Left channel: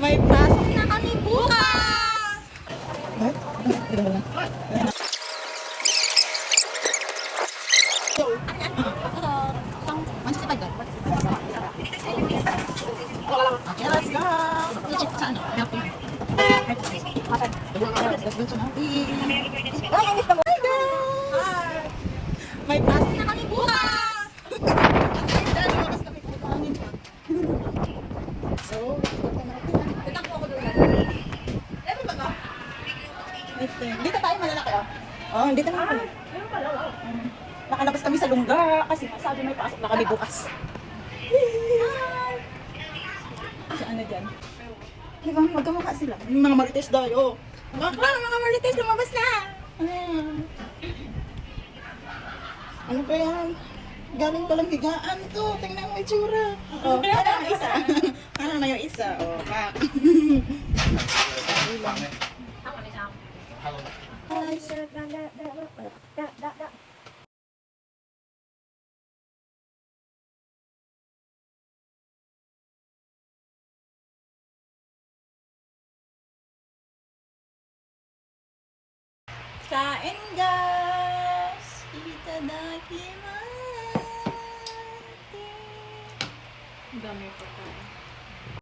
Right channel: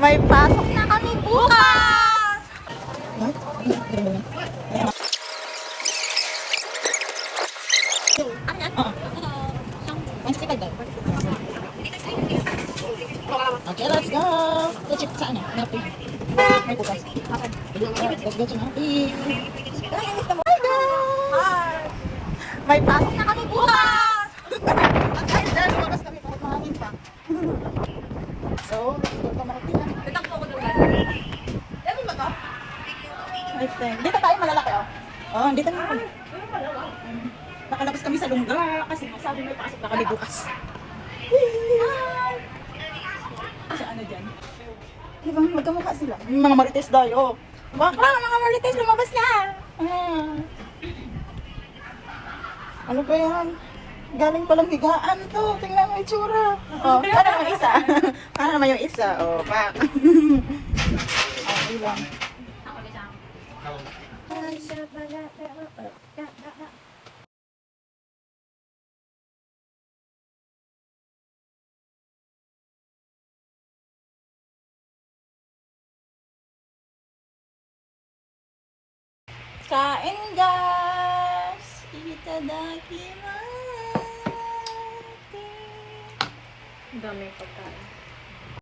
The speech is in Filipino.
May pasok na kami bukas! Okay, let's go! Check sa ano? Happy. Let's go to Happy. Hi guys! May pasok na kami bukas! Lumabas kami kahit mahangin pa. So, dito na makikita. Tatakbo ko doon. Level ba ito? Dito tayo malalaki oh. Oh, dito na. Nakalabas kami sa lungga kasi sabi may pasok na kami bukas. Sa ano dyan? Di ba magkamukha sila? Mga marites daw oh. Bakla, mga marites lumabas na. Ano pa yan? Galing palang higaan to. Tingnan mo yung itsura. Oh, para naman isa. Para naman yung isa. Oh, pak. Okay lang. Kain guys! Itadakimasu! Ang dami yung pagkain.